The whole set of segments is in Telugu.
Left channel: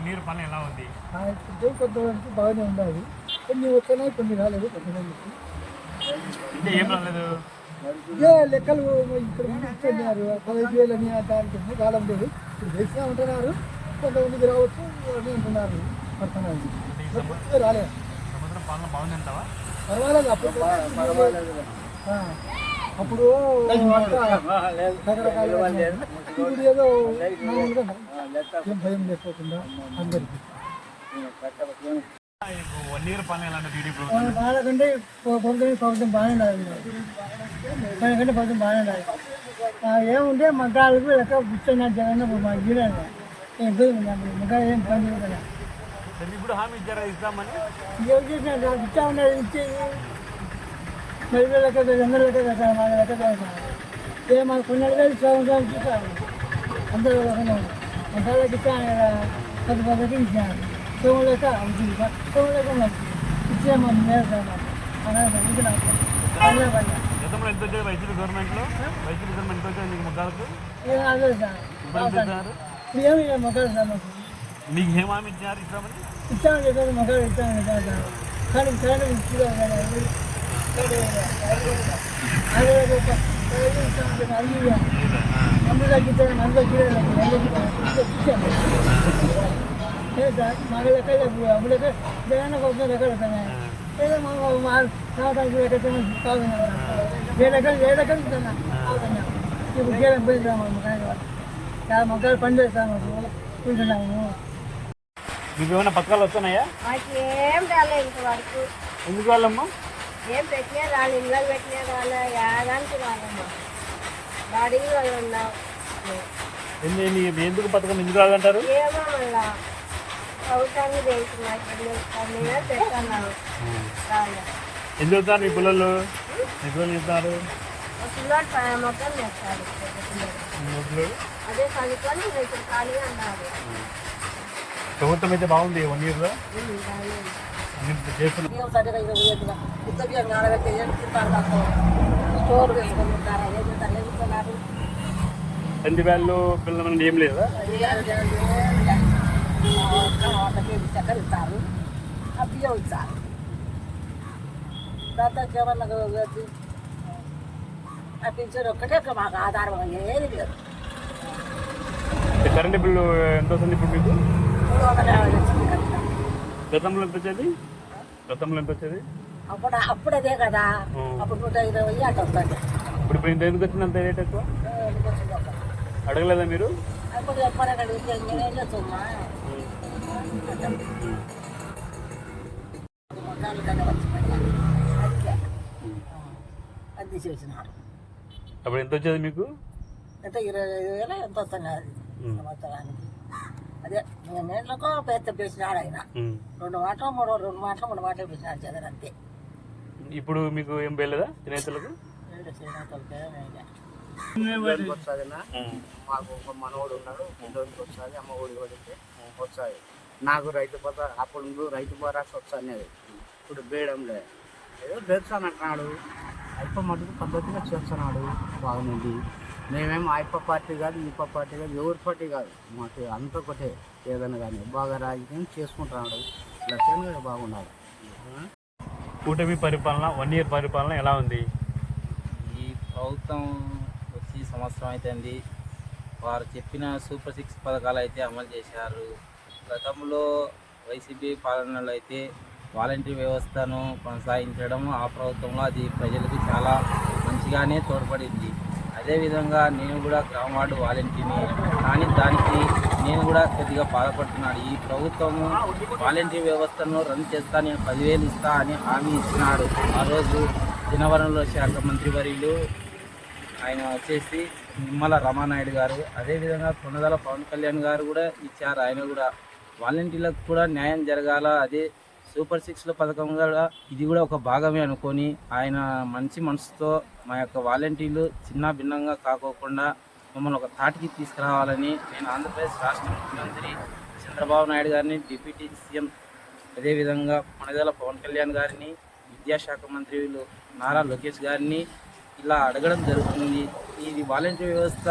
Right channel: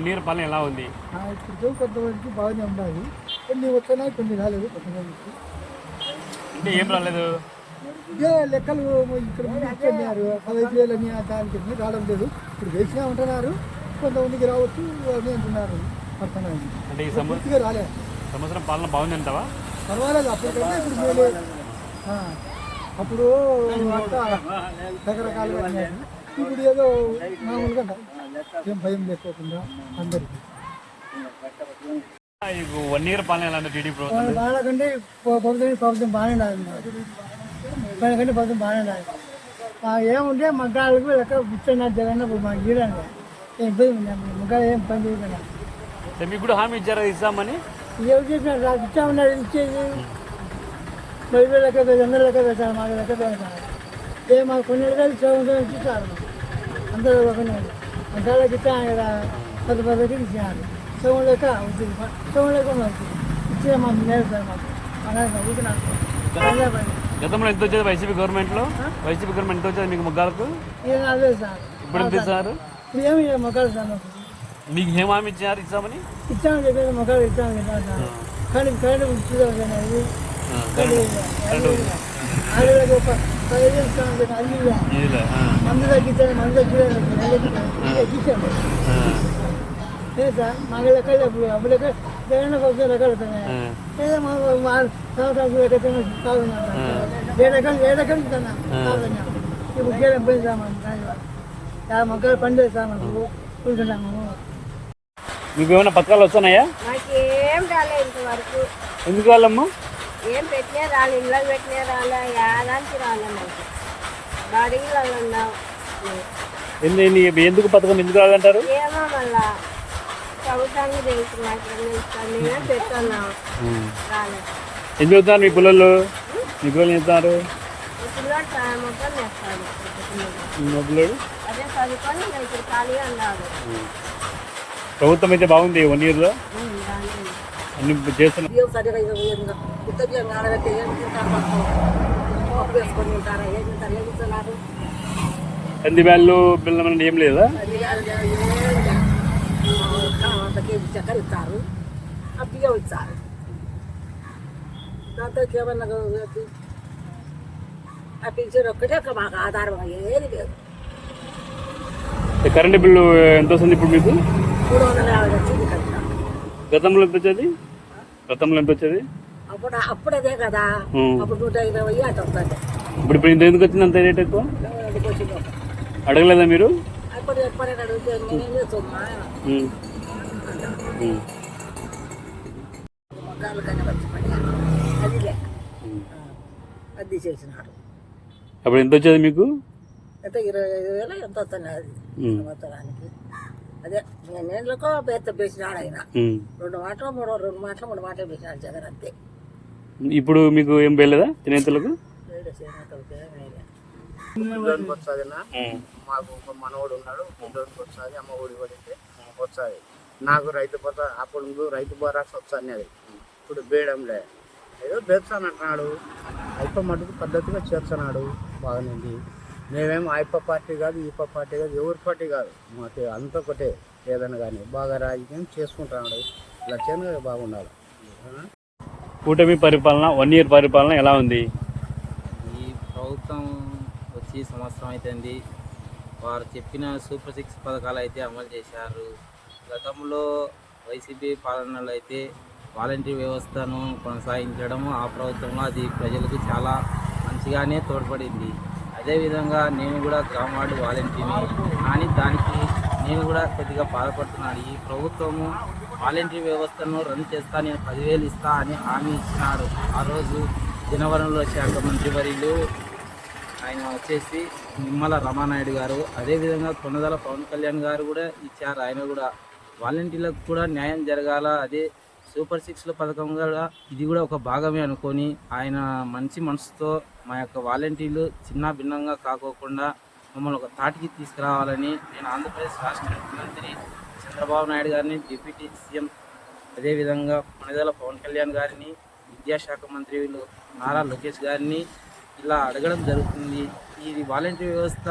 1 ఇయర్ పాలన ఎలా ఉంది? ఇప్పుడు కొంతమందికి బాగానే ఉండాలి, కొన్ని వస్తున్నాయి కొన్ని రాలేదు కొంతమందికి. అంటే ఏం రాలేదు? ఇదే లెక్కలు ఇక్కడ ఇచ్చారు 15,000 అని దానికి రావడం లేదు. ఇప్పుడు వేసినా ఉంటున్నారు, కొంతమందికి రావచ్చు అని అంటున్నారు. పడుతున్నాయి అంటే ఈ పూర్తిగా రాలేదు. సంవత్సరం పాలన బాగుందంటావా? పర్వాలేదు, అప్పటికంటే ఇప్పుడు మేలే. అప్పుడు అంతా రకరకాలుగా ఉన్నాయి. ఇప్పుడు ఏదో మామూలుగా ఏం భయం లేకోకుండా అందరికీ. 1 ఇయర్ పాలన ఎలా ఉంది టీడీపీ? వాళ్ళకంటే ప్రభుత్వం బాగానే ఉండాలి, వాళ్ళకంటే ప్రభుత్వం బాగానే ఉండాలి. ఏముంటే మగ్గాలకు లెక్క ఇచ్చిన జగన్ మా గీడంగా ఏం ఇబ్బంది ఉంది, మగ్గాలు ఏం పని చూడగా మీకు కూడా హామీ ఇచ్చారా ఇస్తామని? ఎవరు చేసినా ఇచ్చామన్నారు, ఇచ్చేది 10,000 లెక్క 200 లెక్క పెట్టాలి, మాకు లెక్క పెట్టాలి. మాకు కొన్ని నెలలు సంవత్సరాలు ఇచ్చారు, అందరూ ఒకనే మగ్గాలకు ఇచ్చాను కదా, 10,000కి ఇచ్చారు. సోము లెక్క అవుతుంది, సోము లెక్క మంచిది ఇచ్చే మా మేలు సార్. మాకు ఊరికి నాకు గతంలో ఎంత వచ్చేది వైసీపీ గవర్నమెంట్లో? వైసీపీ గవర్నమెంట్ ఎంత వచ్చేది మీకు మగ్గాలకు? ఏం అదే సార్, ఇప్పుడు ఏమి మొక్కలు సార్ మాకు. మీకు ఏం హామీ ఇచ్చారు ఇస్తామని? ఇచ్చామని చెప్పేసి మొక్కలు ఇచ్చామని చెప్పాను సార్. కానీ కరెంట్ ఇచ్చేదాం కానీ అది ఆడవాళ్ళకి ఒక 15,000 ఇస్తామని చెప్పి అది మందు తగ్గించాను, మందు తగ్గించాము. లేదు సార్, మాకు లెక్కలు అప్పుడు లెక్క జగన్ కోసం లెక్కలు వస్తున్నాయి. ఏదో మాకు సంవత్సరానికి ఎక్కడైనా కావున్నాం, 7 ఎకరాలు ఇస్తున్నా కావున్నాం. ఇప్పుడు చేయడం పోయింది సార్ మాకు కానీ వాళ్ళు చాలా మొక్కలు పనిచేస్తాం సార్, మాకు ఉంటున్నాము. మీకు ఏమైనా పత్రాలు వస్తున్నాయా? మాకేం రాలేదు ఇంతవరకు. ఎందుకు వాళ్ళమ్మా? ఏం పెట్టినా రాలే, ఇళ్ళకి పెట్టినా రాలే, ఏదానికి రాలే. మాకు బాడీలలో ఉన్నాం. ఎందుకు పథకం ఎందుకు రాదంటారు? ఏమో మళ్ళా ప్రభుత్వానికి తెలుసు, మాకేం తెలుస్తుంది. మేము పెడుతున్నాము, రాలే. ఎందుకు వెళ్తున్నారు మీ పిల్లలు? మీ పిల్లలు చెప్తున్నారు పిల్లోడు మొత్తం వేస్తాడు, పెద్ద పిల్లడు అదే చదువుకొని ఇంకా ఇప్పుడు ఖాళీగా అన్నాడు. ప్రభుత్వం అయితే బాగుంది 1 ఇయర్లో అన్ని చేస్తున్నారు. కంది బ్యాళ్ళు పిల్లలు ఏం లేదా? చక్కెర ఇస్తారు, ఆ బియ్యం ఇస్తారు, దాంతో ఏమన్నా ఆ పింఛన్ ఒక్కటే మాకు ఆధారం ఏది లేదు. కరెంటు బిల్లు ఎంత వస్తుంది ఇప్పుడు మీకు? 350 వచ్చింది కదా. గతంలో ఎంత వచ్చేది? అప్పుడు అదే కదా, అప్పుడు 120 అటు వస్తుంది. ఇప్పుడు ఇంత ఎందుకు వచ్చింది అంత రేట్ ఎక్కువ? అడగలేదా మీరు? అప్పుడు ఎప్పుడే అడిగితే నేనేం చేస్తున్నా మగ్గాలు కానీ వచ్చి పడి అదిలే అది చేసినారు. అప్పుడు ఎంత వచ్చేది మీకు? ఎంత 25,000 ఎంత వస్తుంది అది సంవత్సరానికి. అదే నేళ్ళకో పెద్ద వేసినాడు ఆయన, 2 మాటలు 3 మాటలు వేసినాడు జగన్, అంతే. ఇప్పుడు మీకు ఏం వేయలేదా చేనేతలకు? మాకు ఒక మనవాడు ఉన్నాడు, పిల్లోడికి వస్తుంది, అమ్మ ఒడి కొడితే వస్తుంది. నాకు రైతు భరోసా అప్పుడు రైతు భరోసా వస్తుంది, అది ఇప్పుడు బేయడంలే. ఏదో బేస్తాను అంటున్నాడు, అయిపో మటుకు పద్ధతిగా చేస్తున్నాడు, బాగానేది. మేమేమో అయిప పార్టీ కాదు, ఈప పార్టీ కాదు, ఎవరి పార్టీ కాదు, మాకు అంత ఒకటే. ఏదైనా కానీ బాగా రాజకీయం చేసుకుంటున్నాడు, లక్ష్యంగా బాగుండాలి. కూటమి పరిపాలన 1 ఇయర్ పరిపాలన ఎలా ఉంది? ఈ ప్రభుత్వం వచ్చి సంవత్సరం అవుతుంది. వారు చెప్పిన సూపర్ 6 పథకాలు అయితే అమలు చేశారు. గతంలో వైసీపీ పాలనలో అయితే వాలంటరీ వ్యవస్థను కొనసాగించడం ఆ ప్రభుత్వంలో అది ప్రజలకు చాలా మంచిగానే తోడ్పడింది. అదేవిధంగా నేను కూడా గ్రామ వార్డు వాలంటీర్ని, కానీ దానికి నేను కూడా కొద్దిగా బాధపడుతున్నాను. ఈ ప్రభుత్వము వాలంటరీ వ్యవస్థను రన్ చేస్తా, నేను 10,000 ఇస్తా అని హామీ ఇచ్చినాడు. ఆ రోజు జనవరంలో శాఖ మంత్రివర్యులు ఆయన వచ్చేసి నిమ్మల రామానాయుడు గారు, అదేవిధంగా కొనదల పవన్ కళ్యాణ్ గారు కూడా ఇచ్చారు. ఆయన కూడా వాలంటీర్లకు కూడా న్యాయం జరగాల, అదే సూపర్ 6 పథకం కూడా ఇది కూడా ఒక భాగమే అనుకొని ఆయన మంచి మనసుతో మా యొక్క వాలంటీర్లు చిన్న భిన్నంగా కాకోకుండా మమ్మల్ని ఒక తాటికి తీసుకురావాలని నేను ఆంధ్రప్రదేశ్ రాష్ట్ర ముఖ్యమంత్రి చంద్రబాబు నాయుడు గారిని, డిప్యూటీ సీఎం అదేవిధంగా కొనదల పవన్ కళ్యాణ్ గారిని, విద్యాశాఖ మంత్రులు నారా లోకేష్ గారిని ఇలా అడగడం జరుగుతుంది. ఇది వాలంటీర్ వ్యవస్థ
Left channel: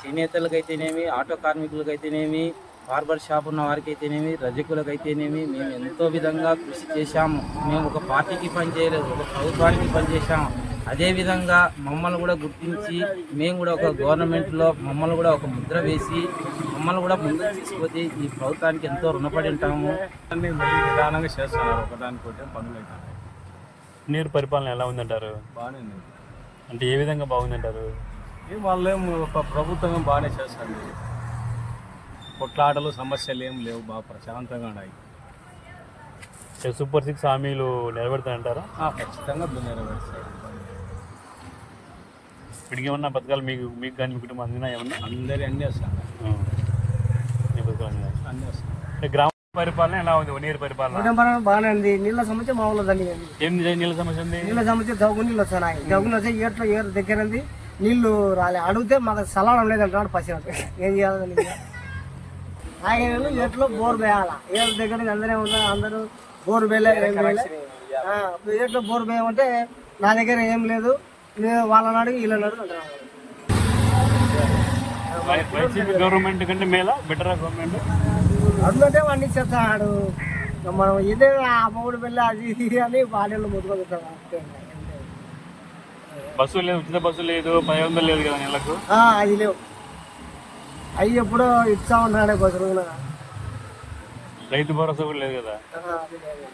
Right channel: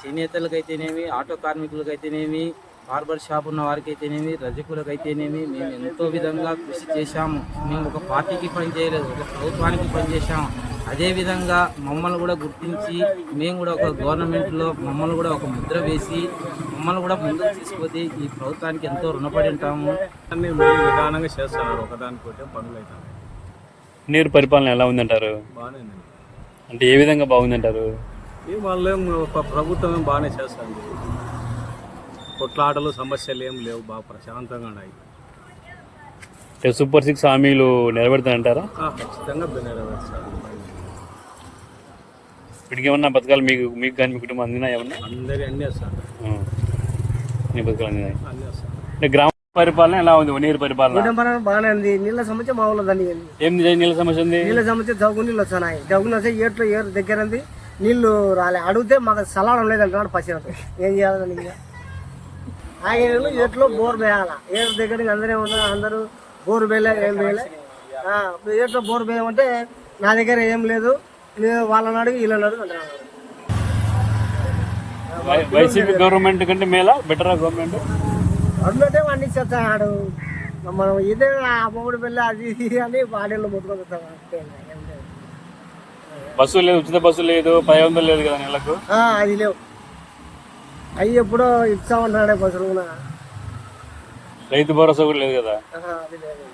చేనేతలకైతేనేమి, ఆటో కార్మికులకైతేనేమి, బార్బర్ షాప్ ఉన్న వారికి అయితేనేమి, రజకులకు అయితేనేమి మేము ఎంతో విధంగా కృషి చేశాము. మేము ఒక పార్టీకి పని చేయలేదు, ఒక ప్రభుత్వానికి పనిచేశాము. అదేవిధంగా మమ్మల్ని కూడా గుర్తించి మేము కూడా ఒక గవర్నమెంట్లో మమ్మల్ని కూడా ఒక ముద్ర వేసి మమ్మల్ని కూడా ముందుకు తీసుకుపోతే ఈ ప్రభుత్వానికి ఎంతో రుణపడి ఉంటాము. అన్ని మెల్లి నిదానంగా చేస్తున్నారు, ఒకదానికోటి పనులు అవుతున్నాయి. నీరు పరిపాలన ఎలా ఉందంటారు? బాగానే ఉంది. అంటే ఏ విధంగా బాగుందంటారు? వాళ్ళేం ప్రభుత్వం ఏం బాగానే చేస్తుంది. కొట్లాటలు సమస్యలు ఏం లేవు, బాగా ప్రశాంతంగా ఉన్నాయి. సూపర్ 6 హామీలు నెరవేరుతాయంటారా? ఖచ్చితంగా నెరవేర్చాడు. వీటికి ఏమన్నా పథకాలు మీకు కానీ మీ కుటుంబం అందినా ఏమన్నా? అందరి అన్నీ వస్తున్నాయి, అన్ని పథకాలు అందినాయి. అన్నీ వస్తున్నాయి. అంటే గ్రామ పరిపాలన ఎలా ఉంది? నీరు పరిపాలన కుటుంబం బాగానే ఉంది. నీళ్ళ సమస్య మా ఊళ్ళో దాన్ని ఏంది నీళ్ళ సమస్య ఉంది? నీళ్ళ సమస్య జగ్గు నీళ్ళు వస్తున్నాయి. జగ్గులు వస్తే ఏరు దగ్గర ఉంది, నీళ్లు రాలే. అడిగితే మాకు సలాడం లేదంటున్నాడు పచ్చినట్టు. ఏం చేయాలని ఆగే నీళ్ళు ఏట్లో బోర్ వేయాలా. ఏరు దగ్గర అందరే ఉన్నారు, అందరూ బోర్ వేయలే, ఏం వేయలే. ఏట్లో బోర్ వేయమంటే నా దగ్గర ఏం లేదు, వాళ్ళని అడిగి వీళ్ళని అడుగు అంటున్నాడు. వైసీపీ గవర్నమెంట్ కంటే మేలా బెటరా గవర్నమెంట్? అందుకే వాడిని చెప్తాడు. మనం ఇదే ఆ మూడు పిల్ల అది ఇది అని బాడీలో ముద్దుకొస్తాం. బస్సు లేదు, ఉచిత బస్సు లేదు, 500 లేదు కదా నెలకు. అది లేవు. అవి ఎప్పుడో ఇచ్చామన్నాడే బస్సులు. రైతు భరోసా కూడా లేదు కదా. అది లేదు.